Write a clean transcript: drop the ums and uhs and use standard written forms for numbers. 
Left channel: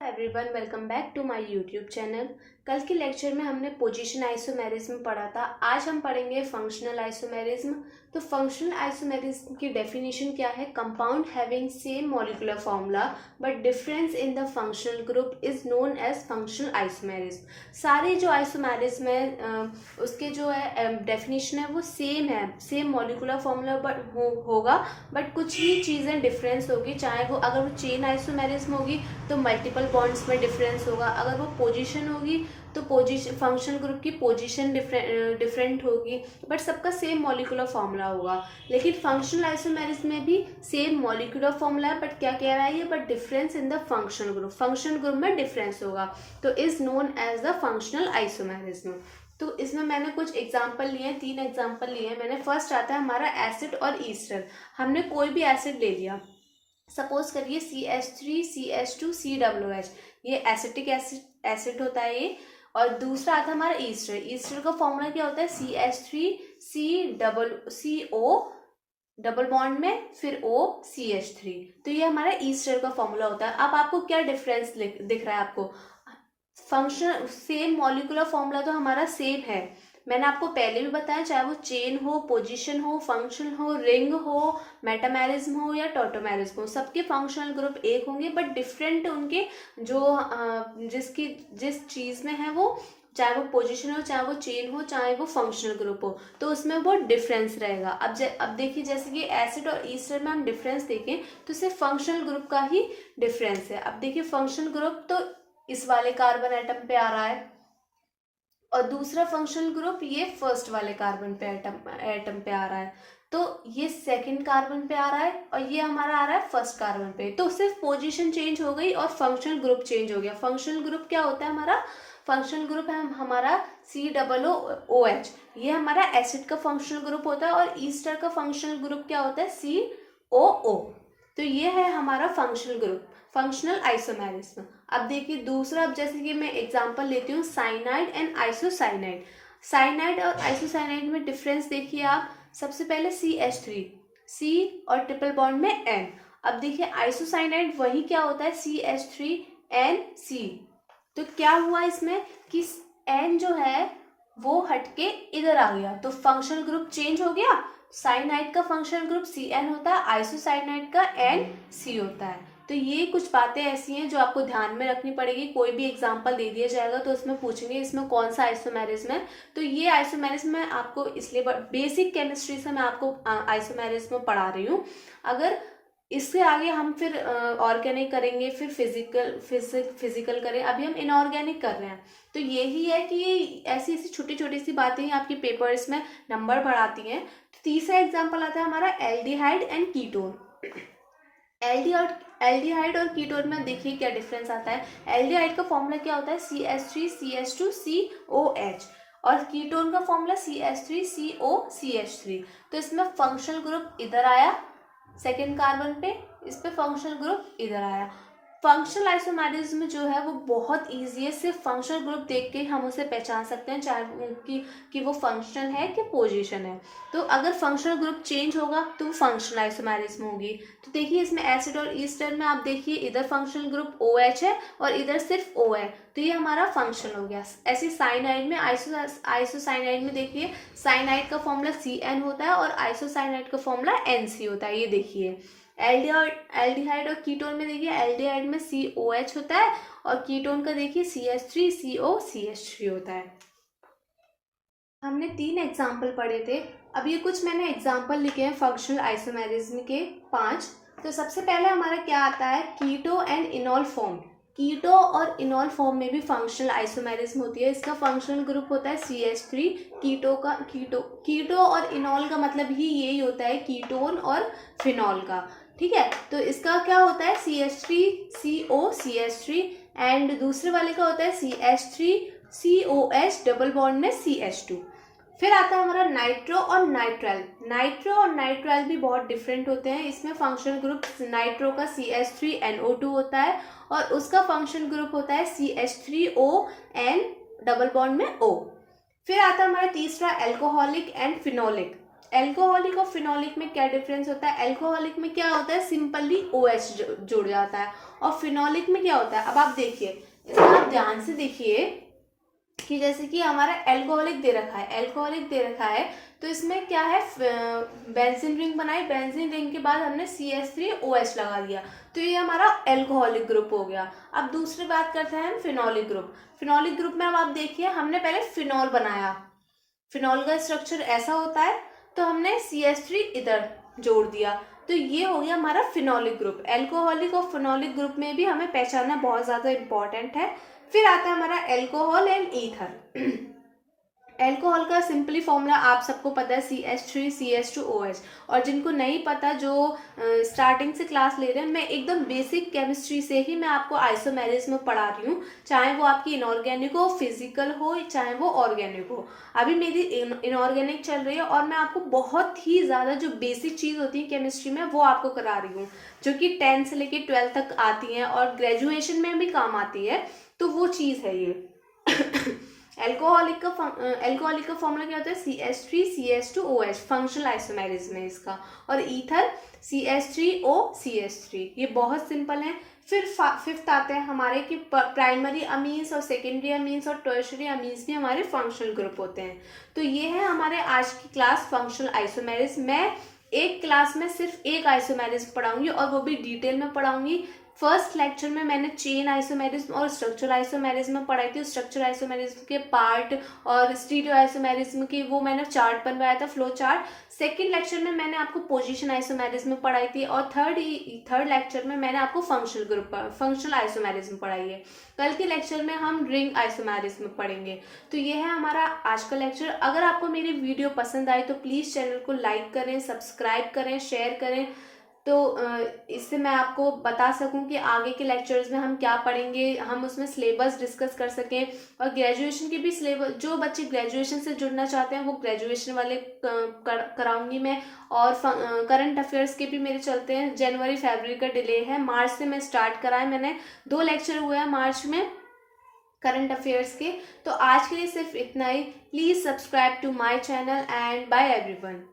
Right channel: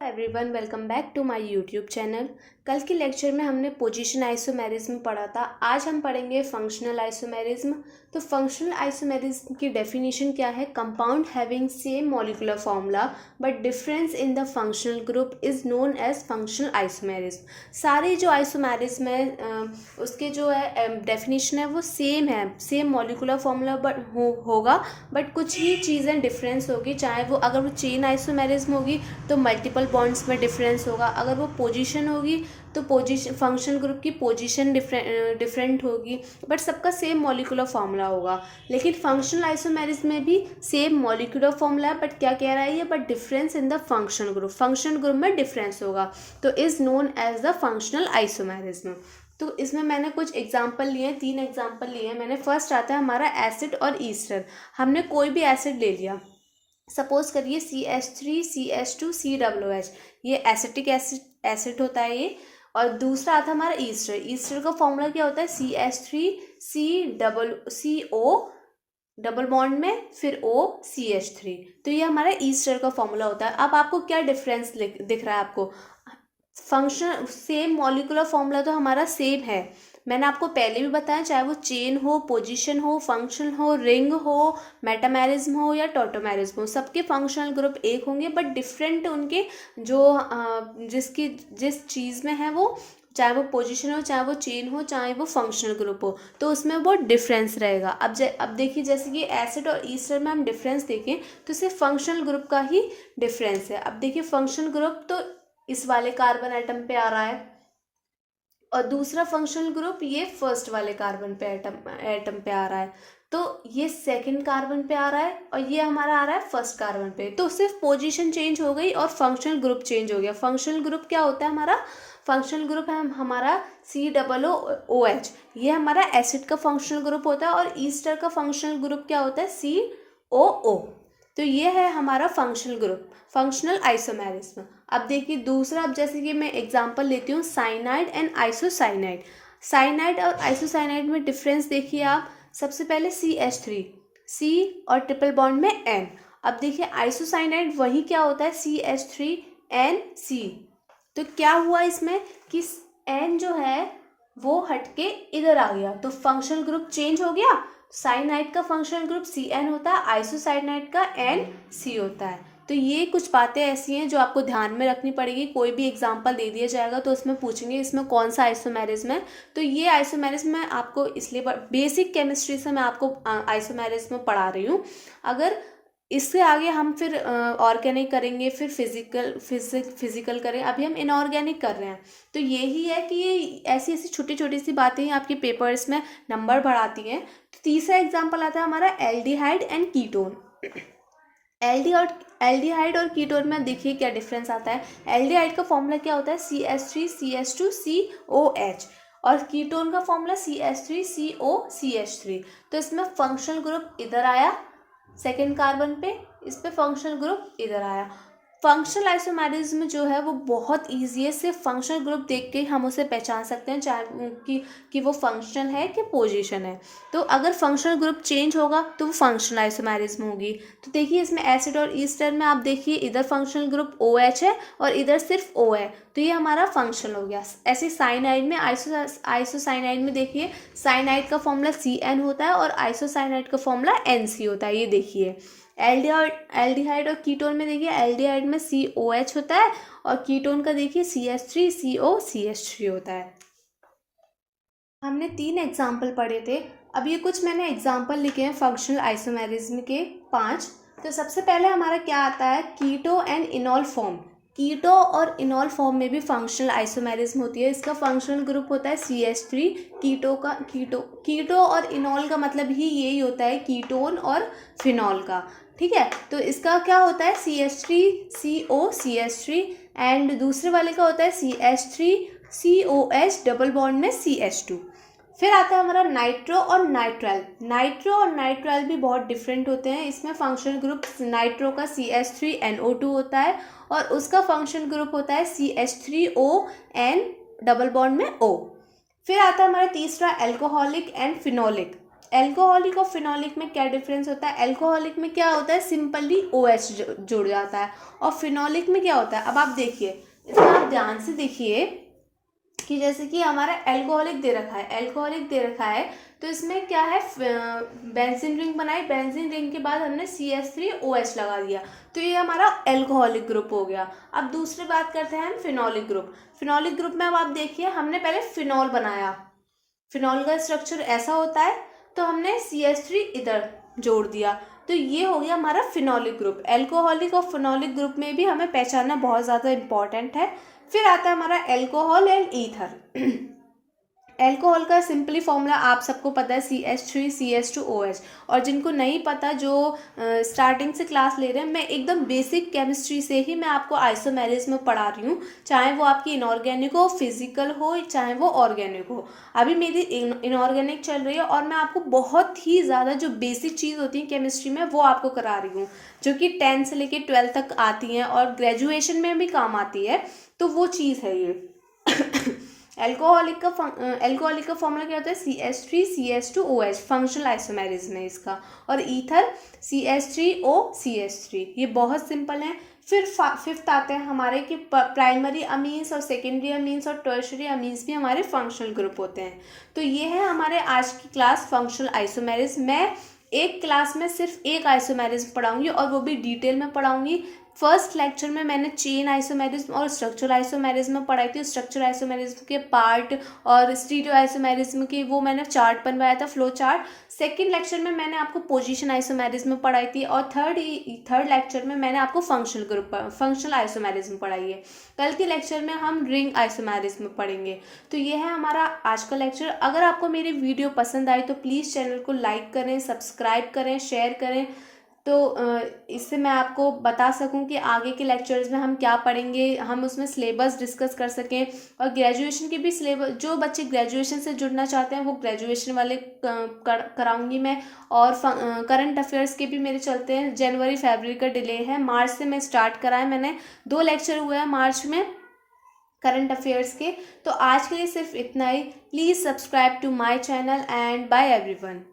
Everyone, welcome back to my YouTube channel. कल के lecture में हमने पोजीशन आइसोमेरिज्म पढ़ा था। आज हम पढ़ेंगे फंक्शनल आइसोमेरिज्म। तो फंक्शनल आइसोमेरिज्म की डेफिनेशन क्या है? Compound having same molecular formula but difference in the functional group is known as functional isomerism. सारे जो आइसोमेरिज्म है उसके जो है डेफिनेशन है वो सेम है, सेम मॉलिक्यूलर फॉर्मूला बट होगा, बट कुछ ही चीज़ें डिफरेंस होगी। चाहे वो अगर वो चेन आइसोमेरिज्म होगी तो मल्टीपल बॉन्ड्स में डिफरेंस होगा, अगर वो पोजीशन होगी तो पोजीशन फंक्शनल ग्रुप की पोजीशन डिफरेंट होगी, बट सबका सेम मॉलिक्यूलर फॉर्मूला होगा। लेकिन फंक्शनल आइसोमेरिज्म में भी सेम मॉलिक्यूलर फॉर्मूला है, बट क्या कह रहा है ये? But difference in the functional group, functional group में डिफरेंस होगा, तो is known as the functional isomerism. तो इसमें मैंने कुछ एग्जाम्पल लिए, 3 एग्जाम्पल लिए मैंने। फर्स्ट आता है हमारा एसिड और ईस्टर। हमने कोई भी एसिड ले लिया, सपोज करिए CH3 CH2 COOH, ये एसिटिक एसिड होता है ये। और दूसरा आता है हमारा ईस्टर। ईस्टर का फॉर्मूला क्या होता है? CH3 CO डबल बॉन्ड में फिर OCH3। तो ये हमारा ईस्टर का फॉर्मूला होता है। अब आपको क्या डिफरेंस दिख रहा है आपको? फंक्शन सेम मॉलिक्यूलर फॉर्मूला तो हमारा सेम है। मैंने आपको पहले भी बताया, चाहे वो चेन हो, पोजीशन हो, फंक्शन हो, रिंग हो, मेटामेरिज्म हो या टॉटोमेरिज्म हो, सबके फंक्शनल ग्रुप एक होंगे, बट डिफरेंट उनके जो जिस चीज़ में है वो, चाहे वो पोजीशन हो, चाहे वो चेन हो, चाहे वो फंक्शनल ग्रुप हो, तो उसमें वो डिफरेंस रहेगा। अब देखिए, जैसे कि एसिड और ईस्टर में हम डिफरेंस देखें तो सिर्फ फंक्शनल ग्रुप का ही डिफरेंस है। अब देखिए, फंक्शनल ग्रुप तो इस वाले कार्बन एटम पे आ रहा है, और दूसरा फंक्शनल ग्रुप ये फर्स्ट वाले कार्बन पे एटम पे आ रहा है। तो ये सेकंड कार्बन पे आ रहा है और ये हमारा आ रहा है फर्स्ट कार्बन पे। तो सिर्फ पोजीशन चेंज हो गई और फंक्शनल ग्रुप चेंज हो गया। फंक्शनल ग्रुप क्या होता है हमारा? फंक्शनल ग्रुप है हमारा COOH, ये हमारा एसिड का फंक्शनल ग्रुप होता है। और ईस्टर का फंक्शनल ग्रुप क्या होता है? COO। तो ये है हमारा फंक्शनल ग्रुप, फंक्शनल आइसोमेरिज्म। अब देखिए दूसरा, अब जैसे कि मैं एग्जांपल लेती हूँ साइनाइड एंड आइसोसाइनाइड। साइनाइड और आइसोसाइनाइड में डिफरेंस देखिए आप। सबसे पहले CH3, C और ट्रिपल बॉन्ड में N। अब देखिए आइसोसाइनाइड वही क्या होता है? CH3NC। तो क्या हुआ इसमें कि N जो है वो हटके इधर आ गया, तो फंक्शनल ग्रुप चेंज हो गया। साइनाइड का फंक्शनल ग्रुप CN होता है, आइसोसाइनाइड का NC होता है। तो ये कुछ बातें ऐसी हैं जो आपको ध्यान में रखनी पड़ेगी। कोई भी एग्जांपल दे दिया जाएगा तो उसमें पूछेंगे इसमें कौन सा आइसोमेरिज्म है। तो ये आइसोमेरिज्म मैं आपको इसलिए बेसिक केमिस्ट्री से मैं आपको आइसोमेरिज्म पढ़ा रही हूँ। अगर इससे आगे हम फिर ऑर्गेनिक करेंगे, फिर फिजिकल करें, अभी हम इनऑर्गेनिक कर रहे हैं। तो यही है कि ऐसी ऐसी छोटी छोटी सी बातें ही आपके पेपर्स में नंबर बढ़ाती हैं। तो तीसरा एग्जाम्पल आता है हमारा एल्डिहाइड एंड कीटोन। एल्डिहाइड और कीटोन में देखिए क्या डिफरेंस आता है। एल्डिहाइड का फॉर्मूला क्या होता है? CH3 CH2 COH, और कीटोन का फॉर्मूला CH3 COCH3। तो इसमें फंक्शनल ग्रुप इधर आया सेकेंड कार्बन पे, इस पे फंक्शनल ग्रुप इधर आया। फंक्शनल आइसोमेरिज्म जो है वो बहुत ईजी है। सिर्फ फंक्शनल ग्रुप देख के हम उसे पहचान सकते हैं, चाहे कि वो फंक्शनल है कि पोजीशन है। तो अगर फंक्शनल ग्रुप चेंज होगा तो वो फंक्शनल आइसोमेरिज्म होगी। तो देखिए इसमें एसिड और ईस्टर में आप देखिए इधर फंक्शनल ग्रुप OH है और इधर सिर्फ O है, तो ये हमारा फंक्शनल हो गया। ऐसे साइनाइड में, आइसोसाइनाइड में देखिए साइनाइड का फॉर्मूला CN होता है और आइसोसाइनाइड का फॉर्मूला NC होता है। ये देखिए एल्डिहाइड और कीटोन में देखिए एल्डिहाइड में COH होता है और कीटोन का देखिए CH3 COCH3 होता है। हमने 3 एग्जाम्पल पढ़े थे। अब ये कुछ मैंने एग्जाम्पल लिखे हैं फंक्शनल आइसोमेरिज्म के 5। तो सबसे पहले हमारा क्या आता है? कीटो एंड इनॉल फॉर्म। कीटो और इनॉल फॉर्म में भी फंक्शनल आइसोमेरिज्म होती है। इसका फंक्शनल ग्रुप होता है CH3। कीटो और इनॉल का मतलब ही यही होता है, कीटोन और फिनॉल का। ठीक है, तो इसका क्या होता है? CH3 COCH3, एंड दूसरे वाले का होता है CH3 COH डबल बॉन्ड में CH2। फिर आता है हमारा नाइट्रो और नाइट्राइल। नाइट्रो और नाइट्राइल भी बहुत डिफरेंट होते हैं। इसमें फंक्शनल ग्रुप नाइट्रो का CH3NO2 होता है और उसका फंक्शनल ग्रुप होता है CH3ON डबल बॉन्ड में O। फिर आता है हमारा तीसरा एल्कोहलिक एंड फिनोलिक। एल्कोहलिक और फिनोलिक में क्या डिफरेंस होता है? एल्कोहलिक में क्या होता है, सिंपली OH जुड़ जाता है, और फिनोलिक में क्या होता है, अब आप देखिए, इसमें आप ध्यान से देखिए कि जैसे कि हमारा एल्कोहलिक दे रखा है, एल्कोहलिक दे रखा है, तो इसमें क्या है, बेंजीन रिंग बनाई, बेंजीन रिंग के बाद हमने CH3OH लगा दिया, तो ये हमारा एल्कोहलिक ग्रुप हो गया। अब दूसरी बात करते हैं हम फिनोलिक ग्रुप। फिनोलिक ग्रुप में अब आप देखिए, हमने पहले फिनॉल बनाया, फिनॉल का स्ट्रक्चर ऐसा होता है, तो हमने CH3 इधर जोड़ दिया, तो ये हो गया हमारा फिनोलिक ग्रुप। एल्कोहलिक और फिनोलिक ग्रुप में भी हमें पहचानना बहुत ज़्यादा इंपॉर्टेंट है। फिर आता है हमारा एल्कोहल एंड ईथर। एल्कोहल का सिंपली फॉर्मूला आप सबको पता है, CH3CH2OH, और जिनको नहीं पता, जो स्टार्टिंग से क्लास ले रहे हैं, मैं एकदम बेसिक केमिस्ट्री से ही मैं आपको आइसोमेरिज्म में पढ़ा रही हूँ, चाहे वो आपकी इनऑर्गेनिक हो, फिजिकल हो, चाहे वो ऑर्गेनिक हो। अभी मेरी इनऑर्गेनिक चल रही है, और मैं आपको बहुत ही ज़्यादा जो बेसिक चीज़ होती है केमिस्ट्री में वो आपको करा रही हूँ, जो कि 10 से लेके 12 तक आती हैं और ग्रेजुएशन में भी काम आती है, तो वो चीज़ है ये। एल्कोहलिक का फॉर्मूला क्या होता है, CH3CH2OH, फंक्शनल आइसोमेरिज्म है इसका, और ईथर CH3OCH3, ये बहुत सिंपल है। फिर फिफ्थ आते हैं हमारे कि प्राइमरी अमीन्स और सेकेंडरी अमीन्स और टर्शरी अमीन्स भी हमारे फंक्शनल ग्रुप होते हैं। तो ये है हमारे आज की क्लास फंक्शनल आइसोमेरिज्म। मैं एक क्लास में सिर्फ एक आइसोमेरिज्म पढ़ाऊंगी, और वो भी डिटेल में पढ़ाऊंगी। फर्स्ट लेक्चर में मैंने चेन आइसोमेरिज्म और स्ट्रक्चर आइसोमेरिज्म पढ़ाई थी, स्ट्रक्चर आइसोमेरिज्म के पार्ट और स्टीरियो आइसोमेरिज्म के वो मैंने चार्ट बनवाया था, फ्लो चार्ट। सेकंड लेक्चर में मैंने आपको पोजीशन आइसोमेरिज्म पढ़ाई थी, और थर्ड लेक्चर में मैंने आपको फंक्शनल आइसोमेरिज्म पढ़ाई है। कल के लेक्चर में हम रिंग आइसोमेरिज्म पढ़ेंगे। तो ये है हमारा आज का लेक्चर। अगर आपको मेरी वीडियो पसंद आई तो प्लीज़ चैनल को लाइक करें, सब्सक्राइब करें, शेयर करें, तो इससे मैं आपको बता सकूं कि आगे के लेक्चर्स में हम क्या पढ़ेंगे, हम उसमें सिलेबस डिस्कस कर सकें, और ग्रेजुएशन के भी सिलेबस, जो बच्चे ग्रेजुएशन से जुड़ना चाहते हैं वो ग्रेजुएशन वाले कराऊंगी मैं, और करंट अफेयर्स के भी मेरे चलते हैं। जनवरी फरवरी का डिले है, मार्च से मैं स्टार्ट करा है, मैंने 2 लेक्चर हुए हैं मार्च में करंट अफेयर्स के। तो आज के लिए सिर्फ इतना ही। Please subscribe to my channel, and bye everyone.